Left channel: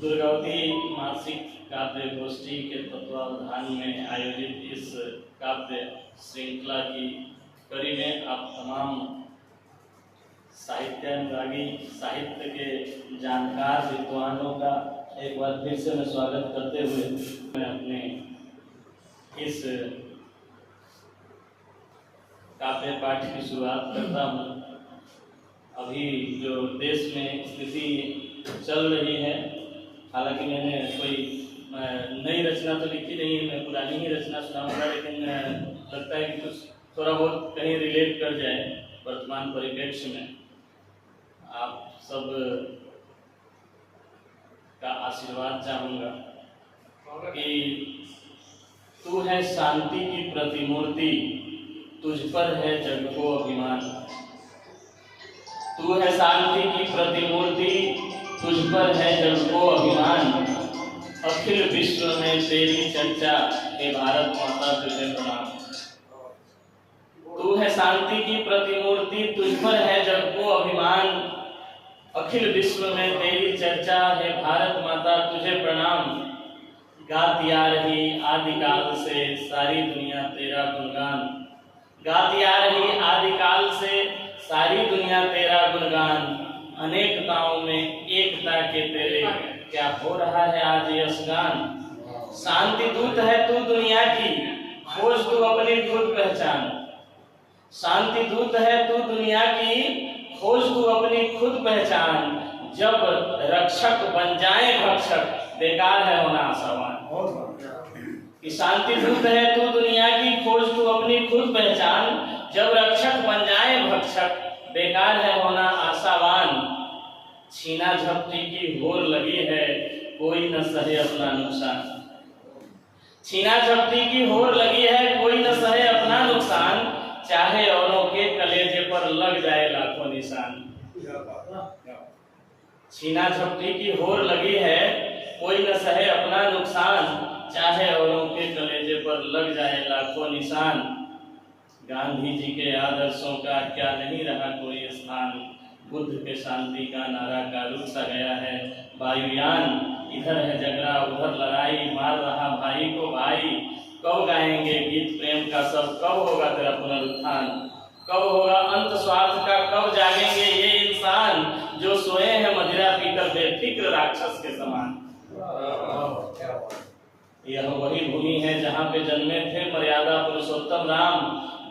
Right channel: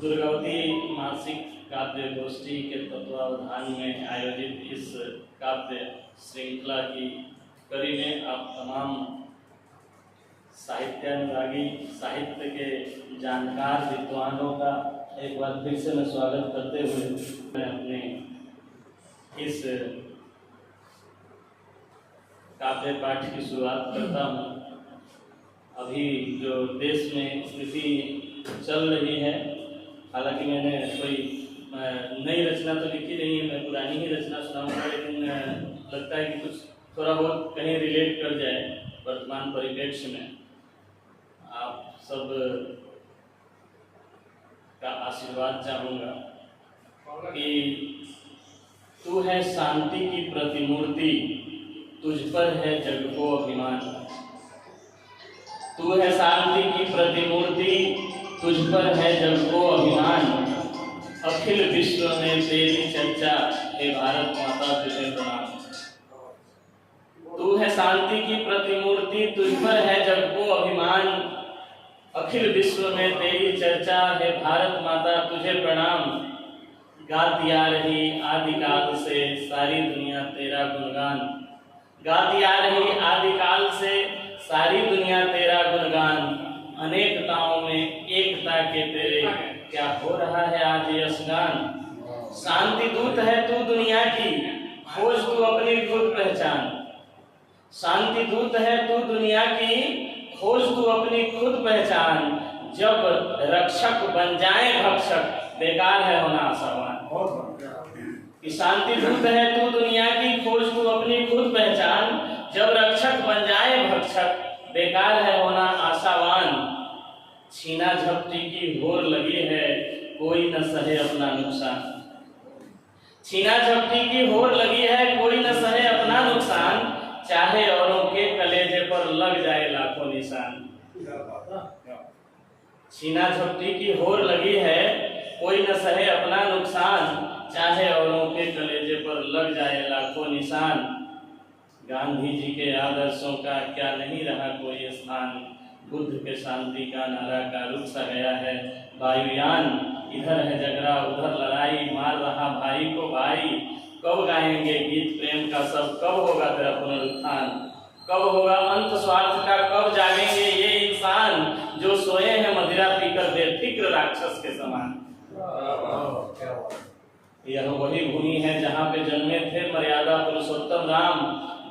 दुर्गावती मासिक काव्य गोष्ठी के तत्वावधान में आयोजित इस काव्य श्रृंखला की कड़ी में आप तमाम साहित्यानुरागी, साहित्य के जानकार विद्वानों का एक बार फिर से मैं स्वागत करते हुए मैं अपने इस काव्य पाठ की शुरुआत करता हूँ। अभी जो देश में स्थिति चल रही है, हालांकि मैंने कोई नई रचना तो लिखी नहीं है, मैं पुरानी ही रचना सुनाऊंगा, लेकिन लगता है कि कुछ थोड़ा बहुत कहीं रिलेट कर जाए वर्तमान परिप्रेक्ष्य में। आप सब का आशीर्वाद चाहूँगा कि तू है शांति की प्रतिमूर्ति, तुझ पर है जग को अभिमान। तू है शांति की प्रतिमूर्ति, तुझ पर है जग को अभिमान। अखिल विश्व में तेरी चर्चा, हे भारत माता तुझे प्रणाम। तू है शांति की प्रतिमूर्ति, तुझ पर है जग को अभिमान। अखिल विश्व में तेरी चर्चा, हे भारत माता तुझे प्रणाम। गाती आ रही आदिकाल से सारी दुनिया तेरा गुणगान। गाती आ रही आदिकाल से सारी दुनिया तेरा गुणगान। अनेकताओं में एकता के तेरे क्या हो रहा है आज यशगान। शांति दूत है तू दुनिया की, खोज तू अपनी खुद पहचान। शांति दूत है तू दुनिया की, खोज तू अपनी खुद पहचान। जब रक्षक बन जाए भक्षक, बेकार है होना आशावान। कि शांति दूत है तू दुनिया की, खोज तू अपनी खुद पहचान। जब रक्षक बन जाए भक्षक, बेकार है होना आशावान। छीना झपटी की होर लगी है, कोई न सहे अपना नुकसान। छीना झपटी की होर लगी है, कोई न सहे अपना नुकसान। चाहे औरों के कलेजे पर लग जाए लाखों निशान। छीना झपटी की होर लगी है, कोई न सहे अपना नुकसान। चाहे औरों के कलेजे पर लग जाए लाखों निशान। गांधी जी के आदर्शों का क्या नहीं रहा कोई स्थान। बुद्ध के शांति का नारा का रुक सा गया है वायुयान। इधर है झगड़ा उधर लड़ाई, मार रहा भाई को भाई। कब गाएंगे गीत प्रेम का सब, कब होगा तेरा पुनरुत्थान। कब होगा अंत स्वार्थ का, कब जागेंगे ये इंसान जो सोए हैं मदिरा पीकर बेफिक्र राक्षस के समान। यह वही भूमि है जहाँ पे जन्मे थे मर्यादा पुरुषोत्तम राम।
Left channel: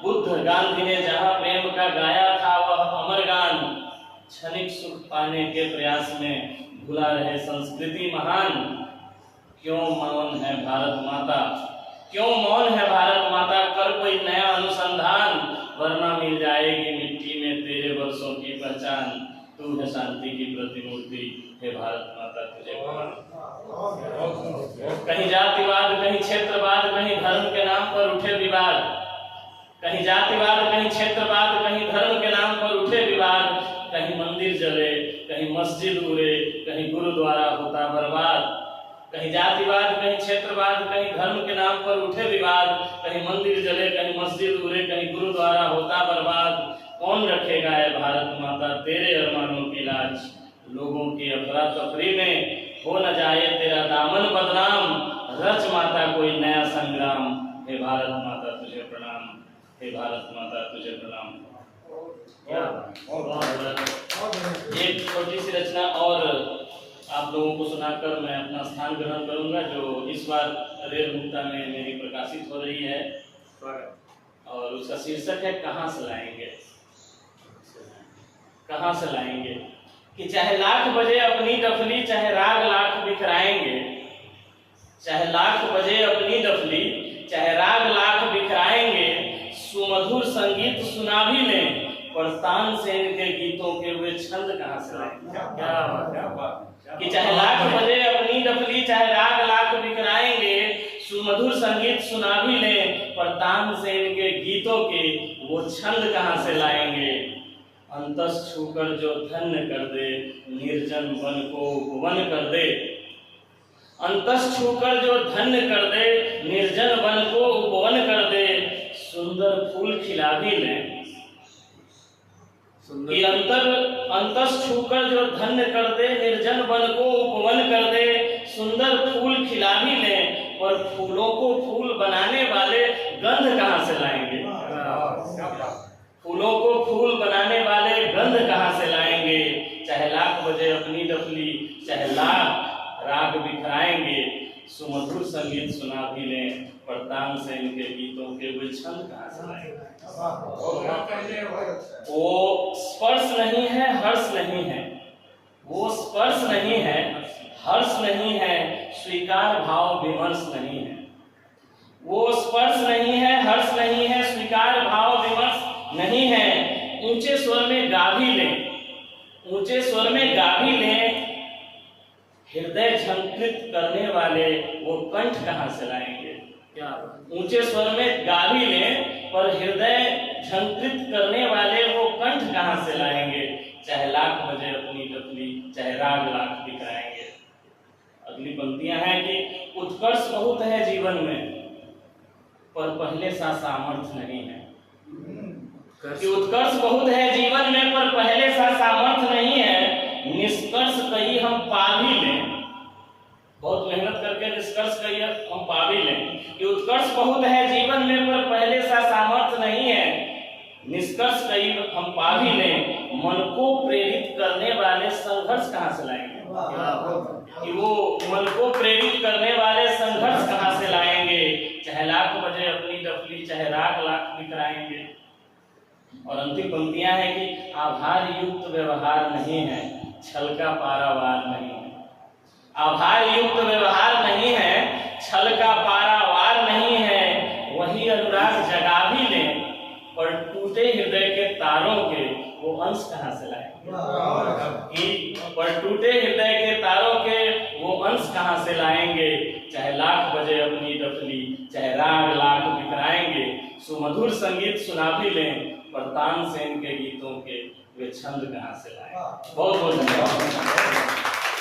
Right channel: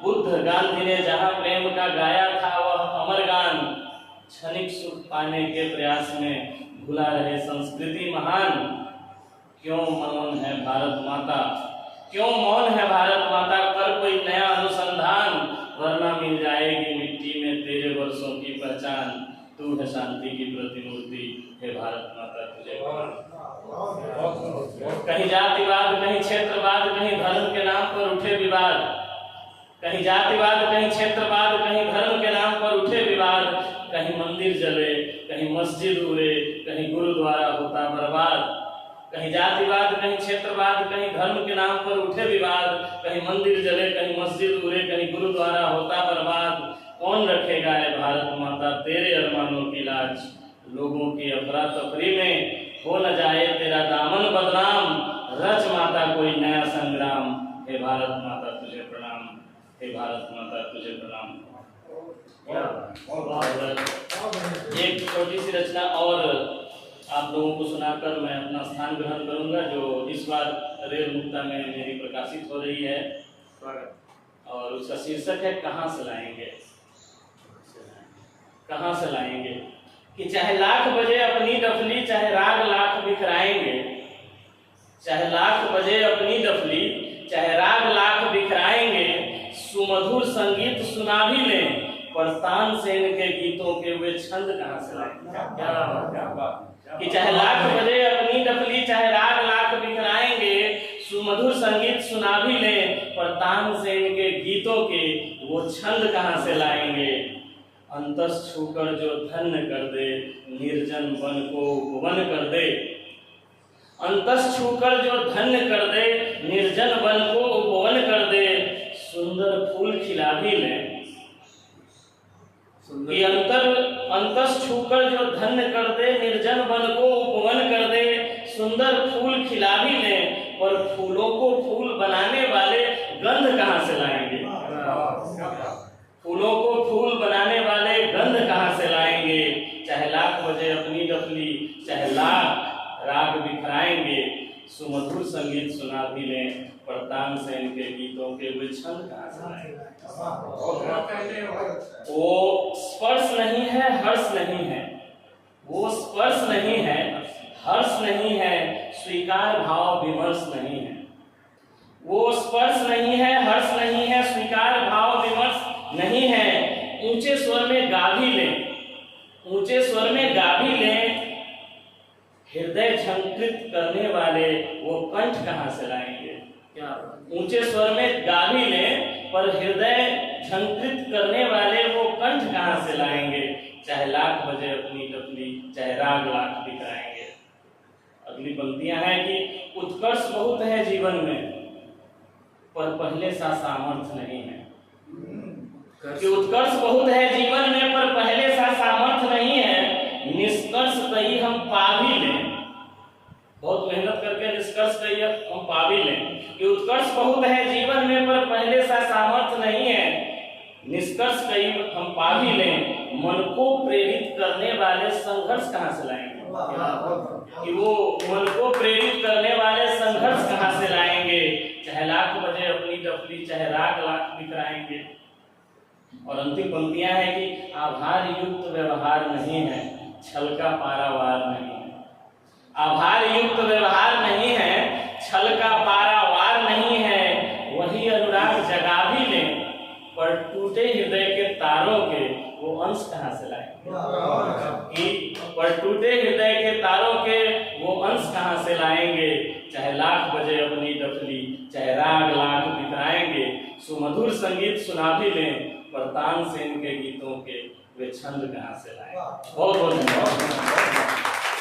बुद्ध गांधी ने जहाँ प्रेम का गाया था वह अमर गान। क्षणिक सुख पाने के प्रयास में भुला रहे संस्कृति महान। क्यों मौन है भारत माता, क्यों मौन है भारत माता। कर कोई नया अनुसंधान, वरना मिल जाएगी मिट्टी में तेरे वर्षों की पहचान। तू है शांति की प्रतिमूर्ति, हे भारत माता तुझे प्रणाम। कहीं जातिवाद, कहीं क्षेत्रवाद, कहीं धर्म के नाम पर उठे विवाद। कहीं जातिवाद, कहीं क्षेत्रवाद, कहीं धर्म के नाम पर उठे विवाद। कहीं मंदिर जले, कहीं मस्जिद उड़े, कहीं गुरुद्वारा होता बर्बाद। कहीं जातिवाद, कहीं क्षेत्रवाद, कहीं धर्म के नाम पर उठे विवाद। कहीं मंदिर जले, कहीं मस्जिद उड़े, कहीं गुरुद्वारा होता बर्बाद। कौन रखेगा है भारत माता तेरे अरमानों की लाज। लोगों की अफरा तफरी में हो न जाए तेरा दामन बदनाम। रच माता कोई नया संग्राम, हे भारत माता तुझे प्रणाम, हे भारत माता तुझे प्रणाम। एक छोटी सी रचना और आप लोगों को सुनाकर मैं अपना स्थान ग्रहण करूंगा, जो इस बार रेल मुक्ता में मेरी प्रकाशित हो रही है, और उसका शीर्षक है कहाँ से लाएंगे। कहाँ से लाएंगे कि चाहे लाख बजे अपनी डफली, चाहे राग लाख बिखराएंगे। चाहे लाख बजे अपनी डफली, चाहे राग लाख बिखराएंगे। सुमधुर संगीत सुना भी लें, पर तान से इनके गीतों के वे छंद कहाँ से लाएंगे। कि चाहे लाख बजे अपनी डफली, चाहे राग लाख बिखराएंगे। सुमधुर संगीत सुना भी लें, पर तान से इनके गीतों के वो छंद कहाँ से लाएंगे। अंतस छूकर जो धन्य कर दे, निर्जन वन को उपवन कर दे। अंतस छूकर जो धन्य कर दे, निर्जन वन को उपवन कर दे। सुंदर फूल खिला भी लें। अंतस छूकर जो धन्य कर दे, निर्जन वन को उपवन कर दे। सुंदर फूल खिला भी लें, पर फूलों को फूल बनाने वाले गंध कहाँ से लाएंगे? फूलों को फूल बनाने वाले गंध कहाँ से लाएंगे? चाहे लाख बजे अपनी डफली, चाहे लाख राग बिखराएंगे, सुमधुर संगीत सुना भी लें, पर तानसेन के गीतों के वे छंद कहाँ से लाएंगे? वो स्पर्श नहीं है, हर्ष नहीं है, वो स्पर्श नहीं है, हर्ष नहीं है, स्वीकार भाव विमर्श नहीं है। वो स्पर्श नहीं है, हर्ष नहीं है, स्वीकार भाव विमर्श नहीं है। ऊंचे स्वर में गा भी लें, ऊंचे स्वर में गा भी लें, हृदय झंकृत करने वाले वो कंठ कहाँ से लाएंगे? क्या ऊंचे स्वर में गा भी लें, पर हृदय झंकृत करने वाले वो कंठ कहाँ से लाएंगे? चाहे लाख बजे अपनी डफली, चाहे राग लाख बिखराएंगे। अगली पंक्तियां हैं कि उत्कर्ष बहुत है जीवन में, पर पहले सा सामर्थ्य नहीं है। कि उत्कर्ष बहुत है जीवन में, पर पहले सा सामर्थ्य नहीं है। निष्कर्ष कहीं हम पा भी लें, बहुत मेहनत करके निष्कर्ष कहीं हम पा भी लें। कि उत्कर्ष बहुत है जीवन में, पर पहले सा सामर्थ्य नहीं है। निष्कर्ष कहीं हम पा भी लें, मन को प्रेरित करने वाले संघर्ष कहाँ से लाएंगे? कि वो मन को प्रेरित करने वाले संघर्ष कहाँ से लाएंगे? चाहे लाख बजे अपनी डफली, चाहे राग लाख बिखराएंगे। और अंतिम पंक्तियां हैं कि आभार युक्त व्यवहार नहीं है, छल का पारावार नहीं है। आभार युक्त व्यवहार नहीं है, छल का पारावार नहीं है। वही अनुराग जगा भी लें, पर टूटे हृदय के तारों के वो अंश कहाँ से लाएंगे? पर टूटे हृदय के तारों के वो अंश कहाँ से लाएंगे? चाहे लाख बजे अपनी डफली, चाहे राग लाख बिखराएंगे, सुमधुर संगीत सुना भी लें, पर तानसेन के गीतों के वे छंद कहाँ से लाएंगे? बहुत बहुत धन्यवाद।